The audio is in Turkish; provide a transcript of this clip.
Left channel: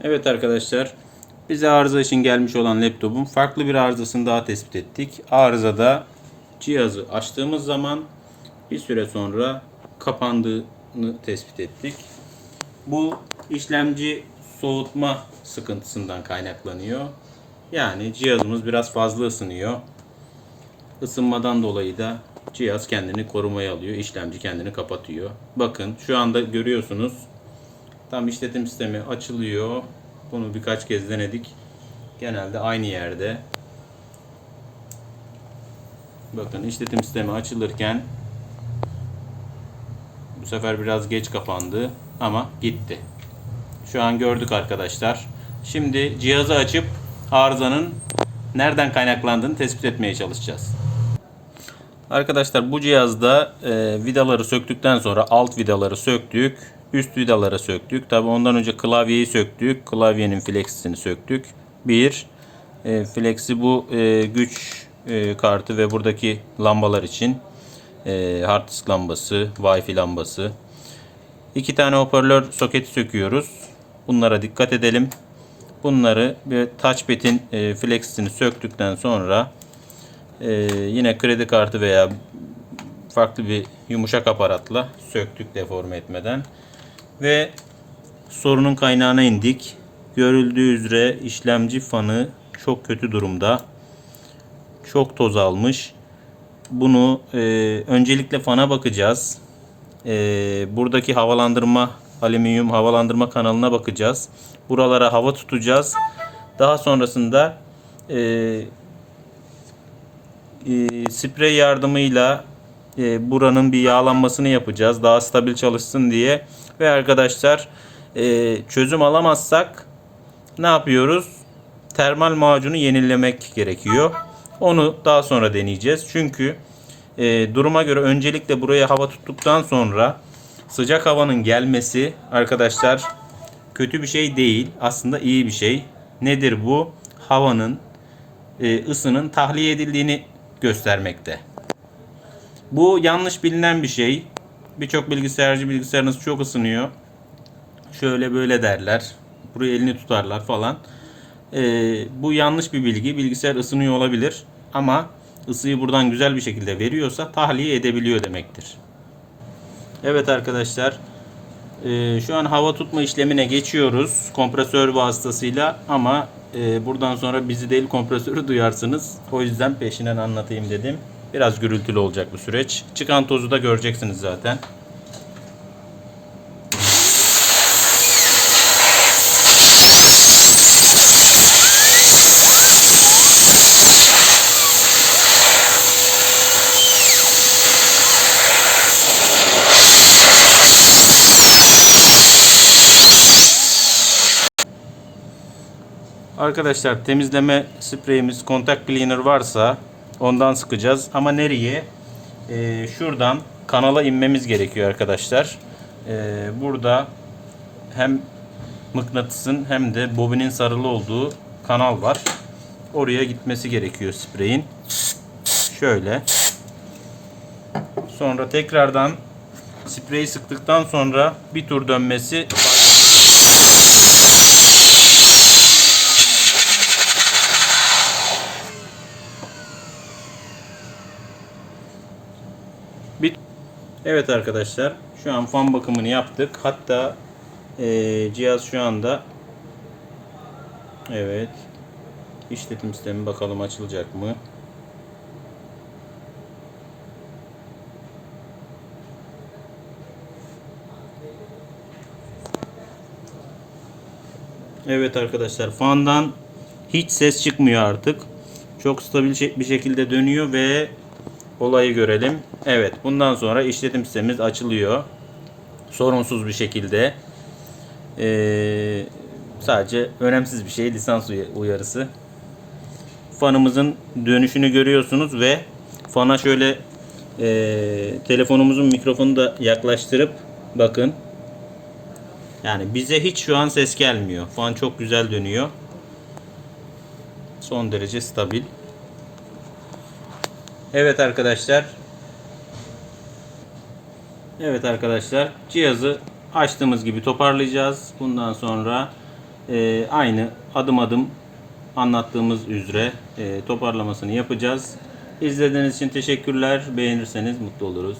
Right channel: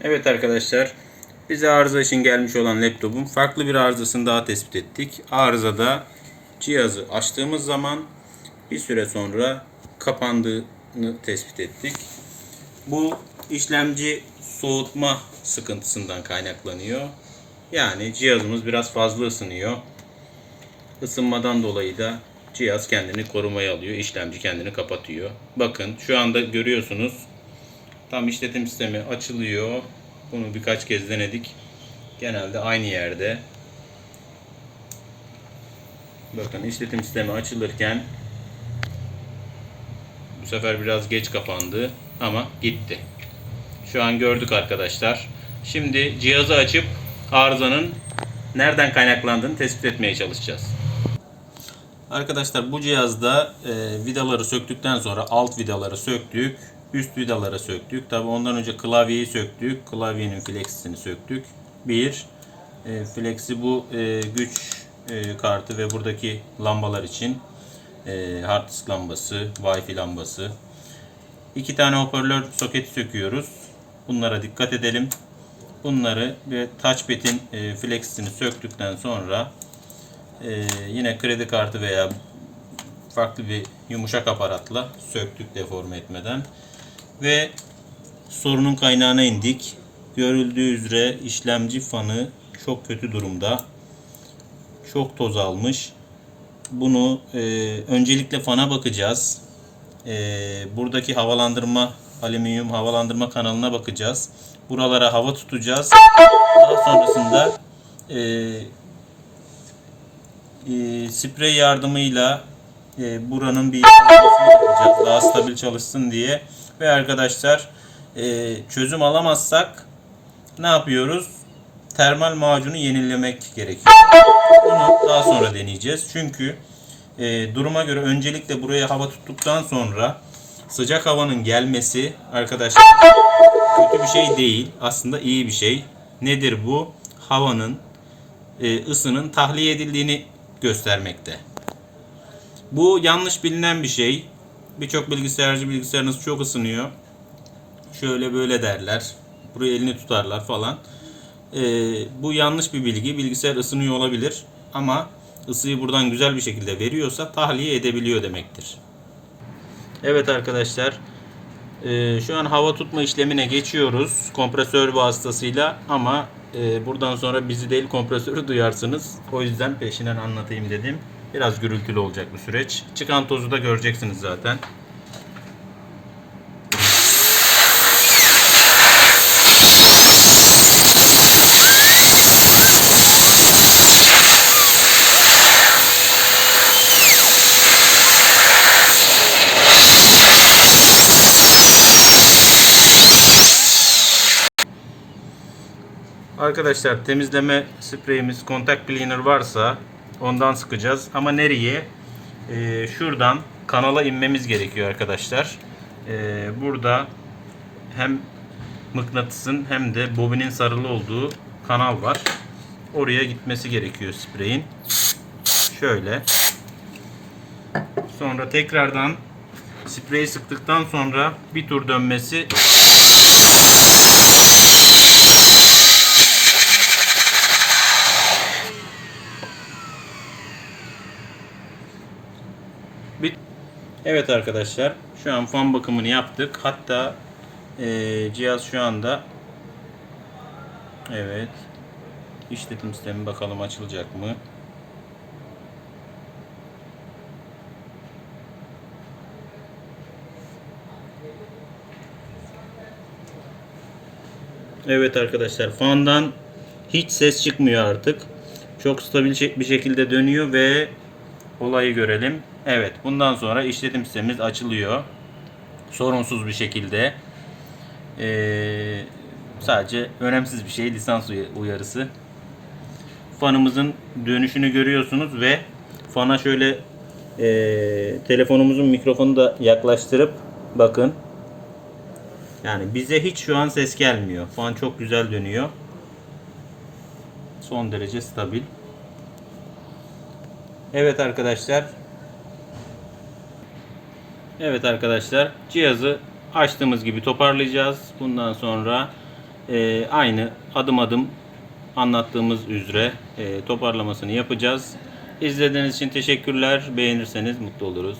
Evet arkadaşlar, bize arıza için gelmiş olan laptopun farklı bir arızasını daha tespit ettik. Arızada cihazı açtığımız zaman bir süre sonra kapandığını tespit ettik. Bu işlemci soğutma sıkıntısından kaynaklanıyor. Yani cihazımız biraz fazla ısınıyor. Isınmadan dolayı da cihaz kendini korumaya alıyor. işlemci kendini kapatıyor. Bakın şu anda görüyorsunuz Tam işletim sistemi açılıyor. Bunu birkaç kez denedik. Genelde aynı yerde. Bakın işletim sistemi açılırken bu sefer biraz geç kapandı ama gitti. Şu an gördük arkadaşlar. Şimdi cihazı açıp arızanın nereden kaynaklandığını tespit etmeye çalışacağız. Arkadaşlar bu cihazda e, vidaları söktükten sonra alt vidaları söktük. Üst vidaları söktük. Tabi ondan önce klavyeyi söktük. Klavyenin flexisini söktük. Bir. E, flexi bu e, güç e, kartı ve buradaki lambalar için. E, hard disk lambası, wifi lambası. İki tane hoparlör soketi söküyoruz. Bunlara dikkat edelim. Bunları bir touchpad'in e, flexisini söktükten sonra e, yine kredi kartı veya farklı bir yumuşak aparatla söktük deforme etmeden ve sorunun kaynağına indik. Görüldüğü üzere işlemci fanı çok kötü durumda. Çok toz almış. Bunu e, öncelikle fana bakacağız. E, buradaki havalandırma alüminyum havalandırma kanalına bakacağız. Buralara hava tutacağız. Daha sonrasında e, e, sprey yardımıyla e, buranın bir yağlanmasını yapacağız. Daha stabil çalışsın diye. Ve arkadaşlar e, çözüm alamazsak ne yapıyoruz? Termal macunu yenilemek gerekiyor. Onu daha sonra deneyeceğiz. Çünkü e, duruma göre öncelikle buraya hava tuttuktan sonra sıcak havanın gelmesi arkadaşlar kötü bir şey değil. Aslında iyi bir şey. Nedir bu? Havanın e, ısının tahliye edildiğini göstermekte. Bu yanlış bilinen bir şey. Birçok bilgisayarcı bilgisayarınız çok ısınıyor. Şöyle böyle derler. Buraya elini tutarlar falan. Ee, bu yanlış bir bilgi. Bilgisayar ısınıyor olabilir. Ama ısıyı buradan güzel bir şekilde veriyorsa tahliye edebiliyor demektir. Evet arkadaşlar. Ee, şu an hava tutma işlemine geçiyoruz. Kompresör vasıtasıyla ama e, buradan sonra bizi değil kompresörü duyarsınız. O yüzden peşinden anlatayım dedim. Biraz gürültülü olacak bu süreç. Çıkan tozu da göreceksiniz zaten. Arkadaşlar temizleme spreyimiz contact cleaner varsa ondan sıkacağız. Ama nereye? Ee, şuradan kanala inmemiz gerekiyor arkadaşlar. Ee, burada hem mıknatısın hem de bobinin sarılı olduğu kanal var. Oraya gitmesi gerekiyor spreyin. Şöyle. Sonra tekrardan spreyi sıktıktan sonra bir tur dönmesi Bit. Evet arkadaşlar şu an fan bakımını yaptık. Hatta eee, cihaz şu anda evet işletim sistemi bakalım açılacak mı? Evet arkadaşlar fandan hiç ses çıkmıyor artık. Çok stabil bir şekilde dönüyor ve olayı görelim. Evet bundan sonra işletim sistemimiz açılıyor. Sorunsuz bir şekilde. Ee, sadece önemsiz bir şey lisans uy- uyarısı. Fanımızın dönüşünü görüyorsunuz ve fana şöyle ee, telefonumuzun mikrofonu da yaklaştırıp bakın. Yani bize hiç şu an ses gelmiyor. Fan çok güzel dönüyor. Son derece stabil. Evet arkadaşlar. Evet arkadaşlar. Cihazı açtığımız gibi toparlayacağız. Bundan sonra e, aynı adım adım anlattığımız üzere e, toparlamasını yapacağız. İzlediğiniz için teşekkürler. Beğenirseniz mutlu oluruz.